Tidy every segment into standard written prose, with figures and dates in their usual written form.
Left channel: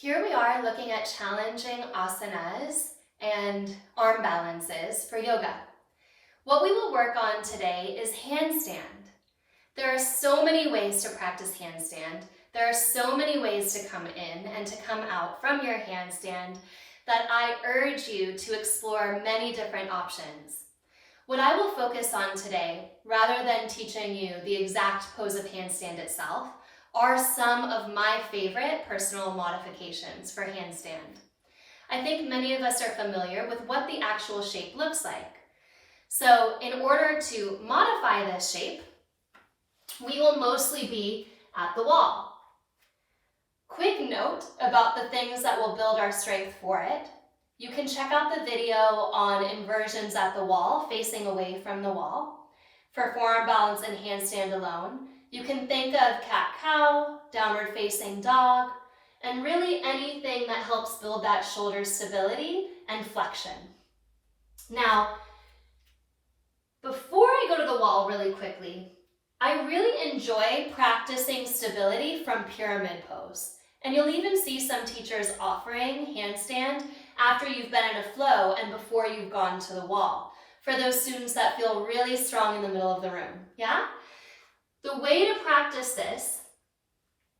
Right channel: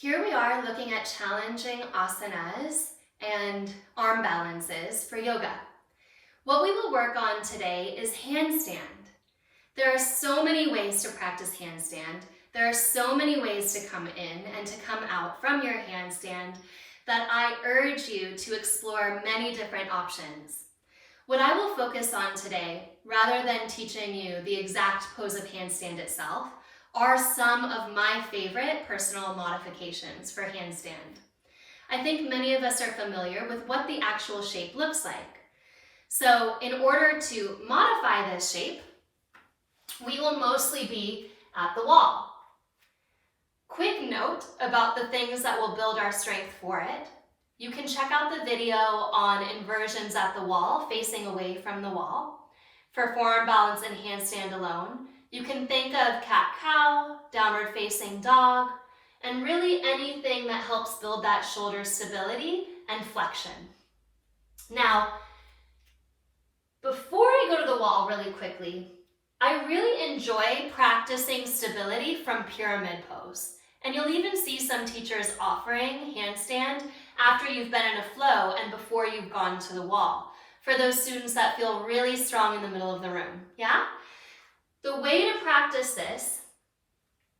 Here we are looking at challenging asanas and arm balances for yoga. What we will work on today is handstand. There are so many ways to practice handstand. There are so many ways to come in and to come out from your handstand that I urge you to explore many different options. What I will focus on today, rather than teaching you the exact pose of handstand itself, are some of my favorite personal modifications for handstand. I think many of us are familiar with what the actual shape looks like. So in order to modify this shape, we will mostly be at the wall. Quick note about the things that will build our strength for it. You can check out the video on inversions at the wall, facing away from the wall. For forearm balance and handstand alone, you can think of cat-cow, downward facing dog, and really anything that helps build that shoulder stability and flexion. Now, before I go to the wall really quickly, I really enjoy practicing stability from pyramid pose. And you'll even see some teachers offering handstand after you've been in a flow and before you've gone to the wall, for those students that feel really strong in the middle of the room, yeah? The way to practice this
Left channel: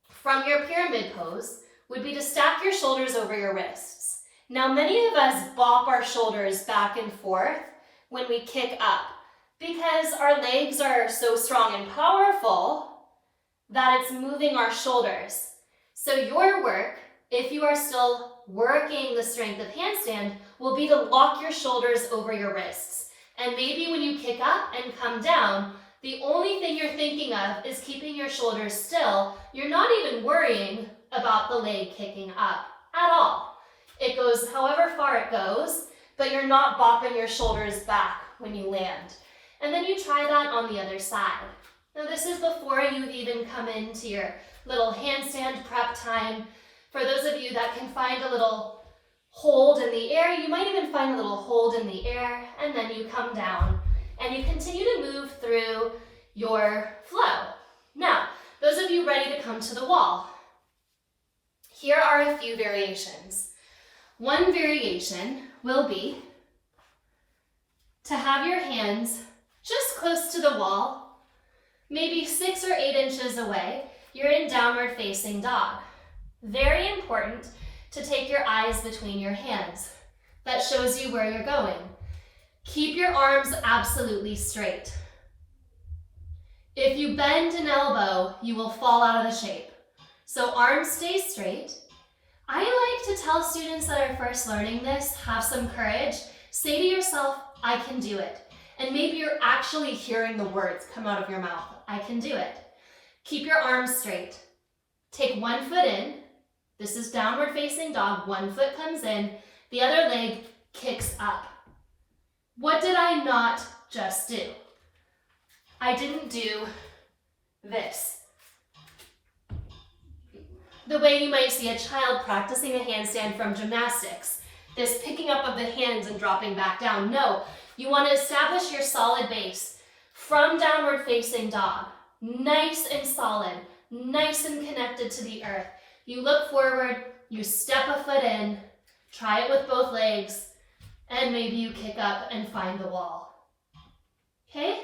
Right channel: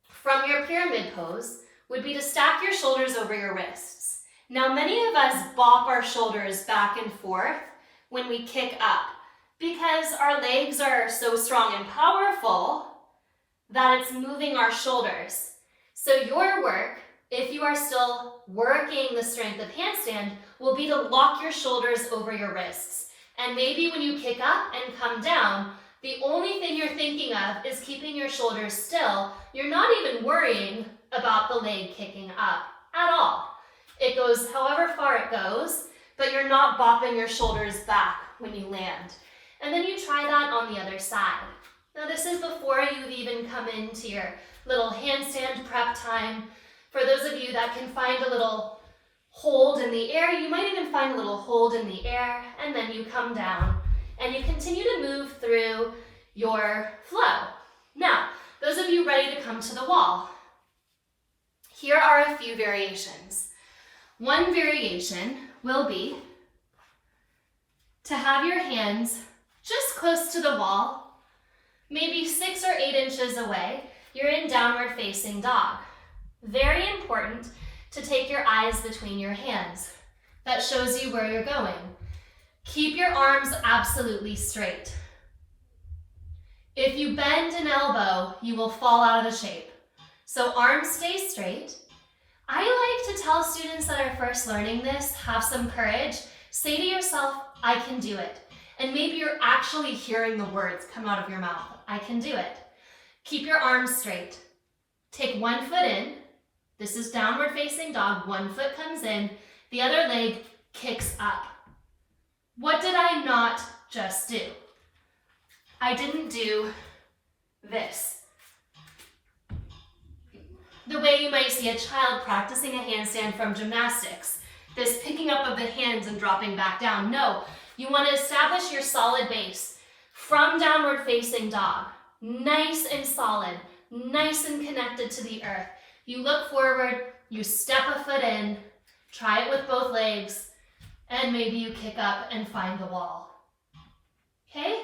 from your pyramid pose would be to stack your shoulders over your wrists. Now, many of us bop our shoulders back and forth when we kick up because our legs are so strong and powerful that it's moving our shoulders. So your work, if you are still working the strength of handstand, will be to lock your shoulders over your wrists. And maybe when you kick up and come down, the only thing you're thinking of is keeping your shoulders still. You're not even worrying about the leg kicking up at all. It goes however far it goes, but you're not bopping your shoulders back when you land. And then you try that on the other side. Now this is before you've even come into your little handstand prep time. For those of you that can find a little hold in the air, you might even find a little hold in the air, and then you come down and you continue to move through your flow. Now, those of you ready to come to the wall, here are a few variations. One variation will be to have your hands just close to the wall, maybe 6 or 8 inches away. You're in downward facing dog. Very important to take your eyes between your hands. That shows you where you're going. Keep your arms absolutely straight. If you bend an elbow, you will fall out of the shape. So arms stay straight. I like to tell students that are first learning this, have some courage. Say to yourself, I can do it. And maybe you're actually hearing the words come out of your mouth. I can do it. Keep your arms straight. Take one foot in. This is downward facing dog. One foot comes in. The other leg kicks up. What did I not just do? I didn't do this. The way you might see a child practicing a handstand from gymnastics. This picking up of the hands and dropping back down. No, you want to establish your solid base from downward facing dog. Nice and solid, nice and connected to the earth. You look forward, you step a foot in, try it with both legs, and maybe you kick up and find the wall. Okay?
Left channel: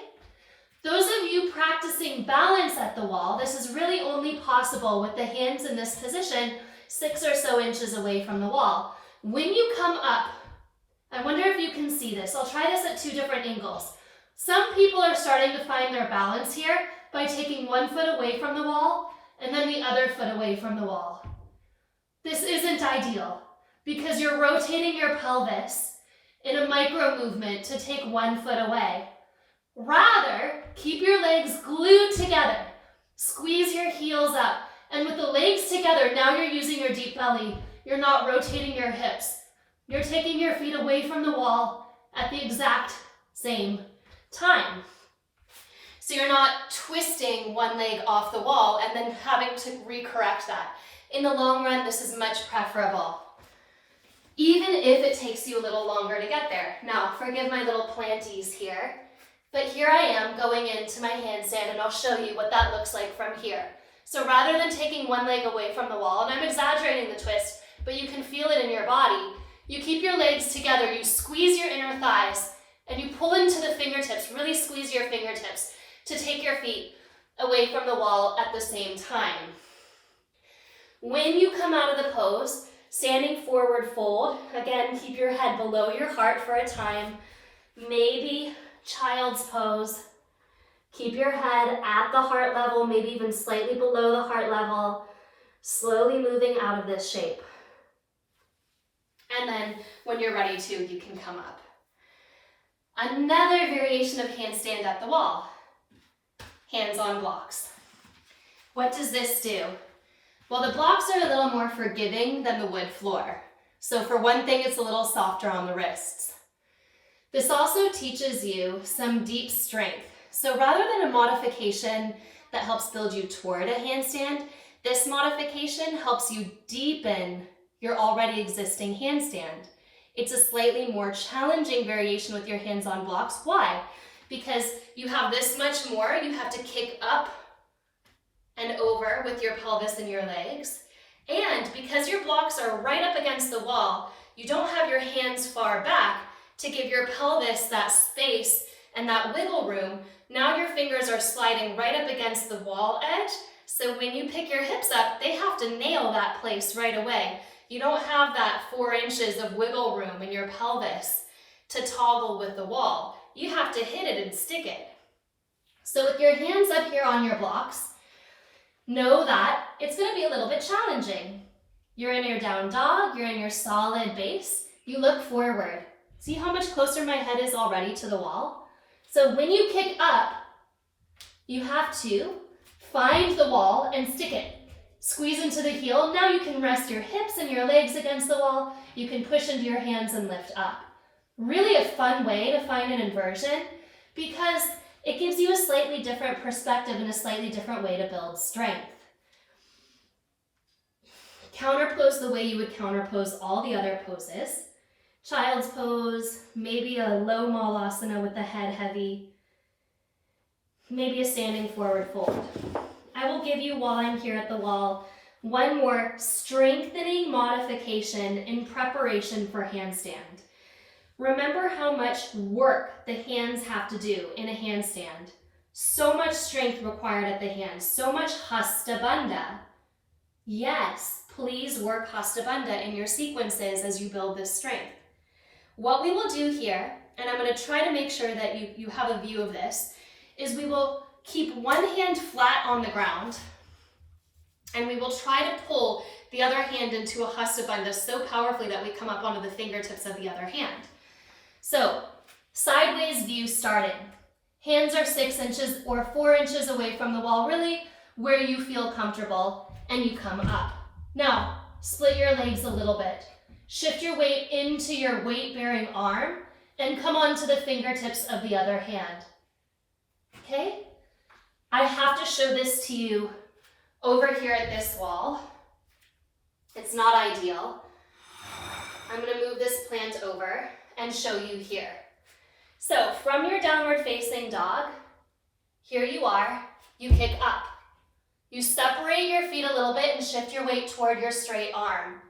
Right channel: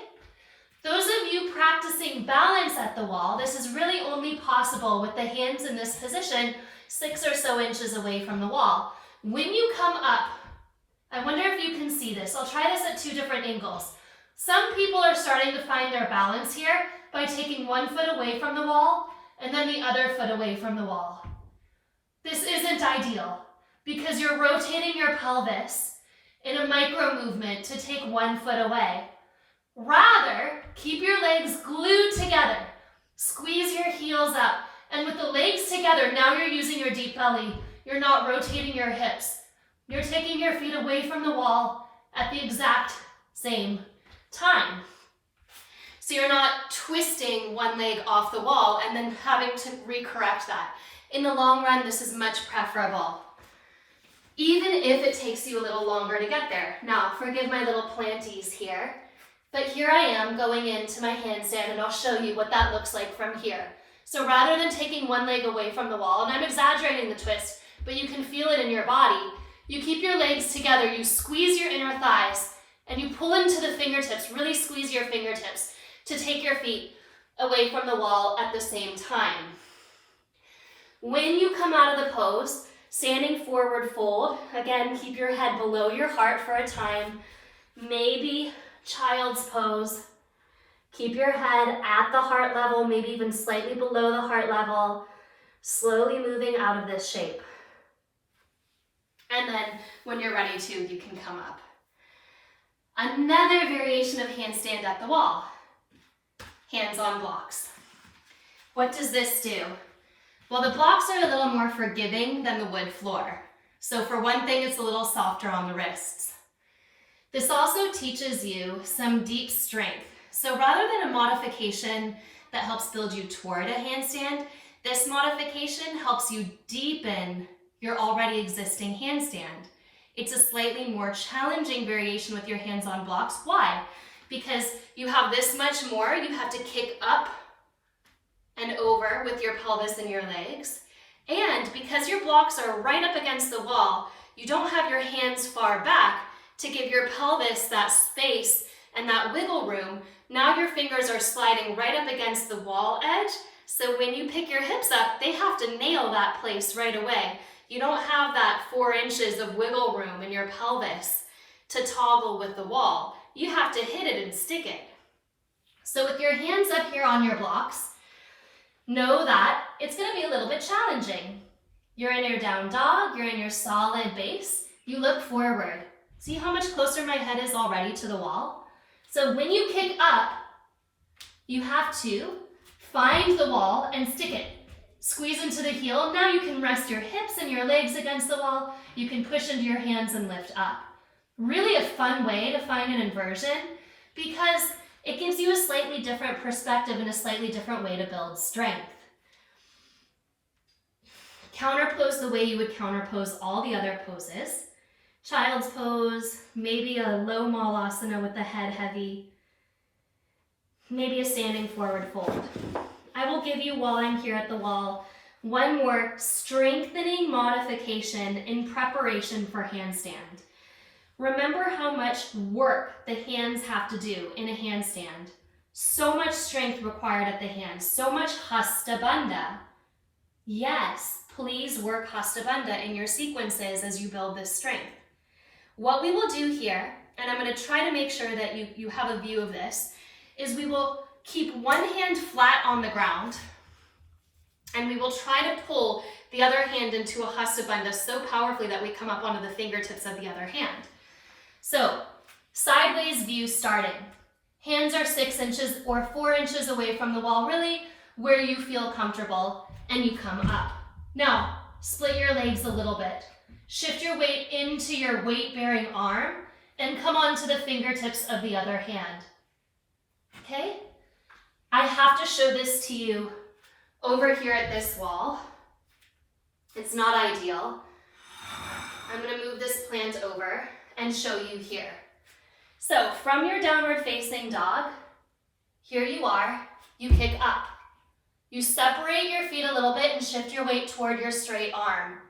Those of you practicing balance at the wall, this is really only possible with the hands in this position 6 or so inches away from the wall. When you come up, I wonder if you can see this. I'll try this at 2 different angles. Some people are starting to find their balance here by taking 1 foot away from the wall and then the other foot away from the wall. This isn't ideal because you're rotating your pelvis in a micro movement to take 1 foot away. Rather, keep your legs glued together. Squeeze your heels up. And with the legs together, now you're using your deep belly. You're not rotating your hips. You're taking your feet away from the wall at the exact same time. So you're not twisting one leg off the wall and then having to recorrect that. In the long run, this is much preferable, even if it takes you a little longer to get there. Now, forgive my little planties here, but here I am going into my handstand, and I'll show you what that looks like from here. So rather than taking one leg away from the wall, and I'm exaggerating the twist, but you can feel it in your body. You keep your legs together, you squeeze your inner thighs, and you pull into the fingertips, really squeeze your fingertips to take your feet away from the wall at the same time. When you come out of the pose, standing forward fold, again, keep your head below your heart for a time, maybe child's pose. Keep your head at the heart level, maybe even slightly below the heart level, slowly moving out of this shape. And then when you're ready to, you can come up. Another variation of handstand at the wall. Hands on blocks. What does this do? Well, the blocks are a little more forgiving than the wood floor. So for one thing, it's a little softer on the wrists. This also teaches you some deep strength. So rather than a modification that helps build you toward a handstand, this modification helps you deepen your already existing handstand. It's a slightly more challenging variation with your hands on blocks. Why? Because you have this much more, you have to kick up and over with your pelvis and your legs. And because your blocks are right up against the wall, you don't have your hands far back to give your pelvis that space and that wiggle room. Now your fingers are sliding right up against the wall edge. So when you pick your hips up, they have to nail that place right away. You don't have that 4 inches of wiggle room in your pelvis to toggle with the wall. You have to hit it and stick it. So with your hands up here on your blocks, know that it's going to be a little bit challenging. You're in your down dog, you're in your solid base. You look forward. See how much closer my head is already to the wall? So when you kick up, you have to find the wall and stick it. Squeeze into the heel. Now you can rest your hips and your legs against the wall. You can push into your hands and lift up. Really a fun way to find an inversion because it gives you a slightly different perspective and a slightly different way to build strength. Counterpose the way you would counterpose all the other poses. Child's pose, maybe a low malasana with the head heavy, maybe a standing forward fold. I will give you, while I'm here at the wall, one more strengthening modification in preparation for handstand. Remember how much work the hands have to do in a handstand. So much strength required at the hands, so much hasta bandha. Yes, please work hasta bandha in your sequences as you build this strength. What we will do here, and I'm going to try to make sure that you have a view of this, is we will keep one hand flat on the ground, and we will try to pull the other hand into a hasta bandha so powerfully that we come up onto the fingertips of the other hand. So, sideways view starting. Hands are 6 inches or 4 inches away from the wall, really where you feel comfortable, and you come up. Now, split your legs a little bit. Shift your weight into your weight-bearing arm, and come onto the fingertips of the other hand. Okay? I have to show this to you over here at this wall. It's not ideal. I'm going to move this plant over and show you here. So from your downward facing dog, here you are, you kick up. You separate your feet a little bit and shift your weight toward your straight arm.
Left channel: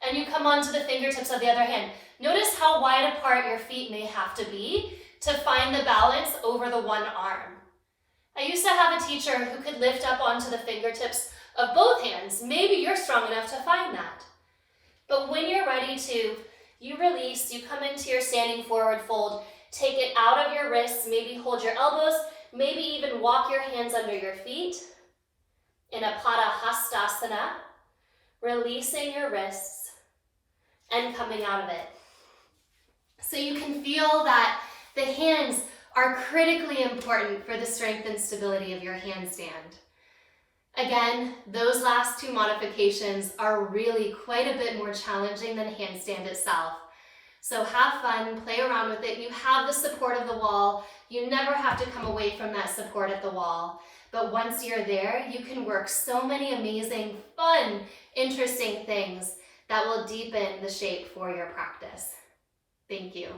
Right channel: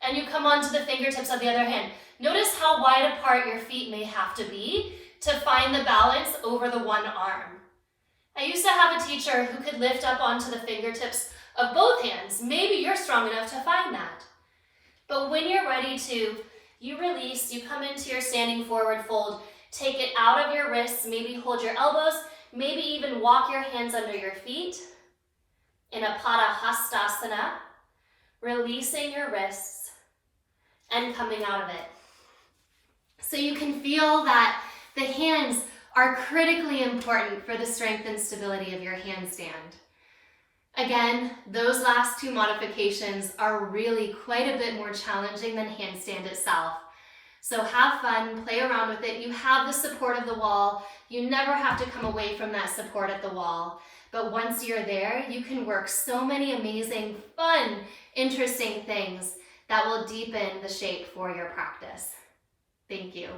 And you come onto the fingertips of the other hand. Notice how wide apart your feet may have to be to find the balance over the one arm. I used to have a teacher who could lift up onto the fingertips of both hands. Maybe you're strong enough to find that. But when you're ready to, you release, you come into your standing forward fold, take it out of your wrists, maybe hold your elbows, maybe even walk your hands under your feet in a Padahastasana, releasing your wrists and coming out of it. So you can feel that the hands are critically important for the strength and stability of your handstand. Again, those last 2 modifications are really quite a bit more challenging than handstand itself. So have fun, play around with it. You have the support of the wall. You never have to come away from that support at the wall. But once you're there, you can work so many amazing, fun, interesting things that will deepen the shape for your practice. Thank you.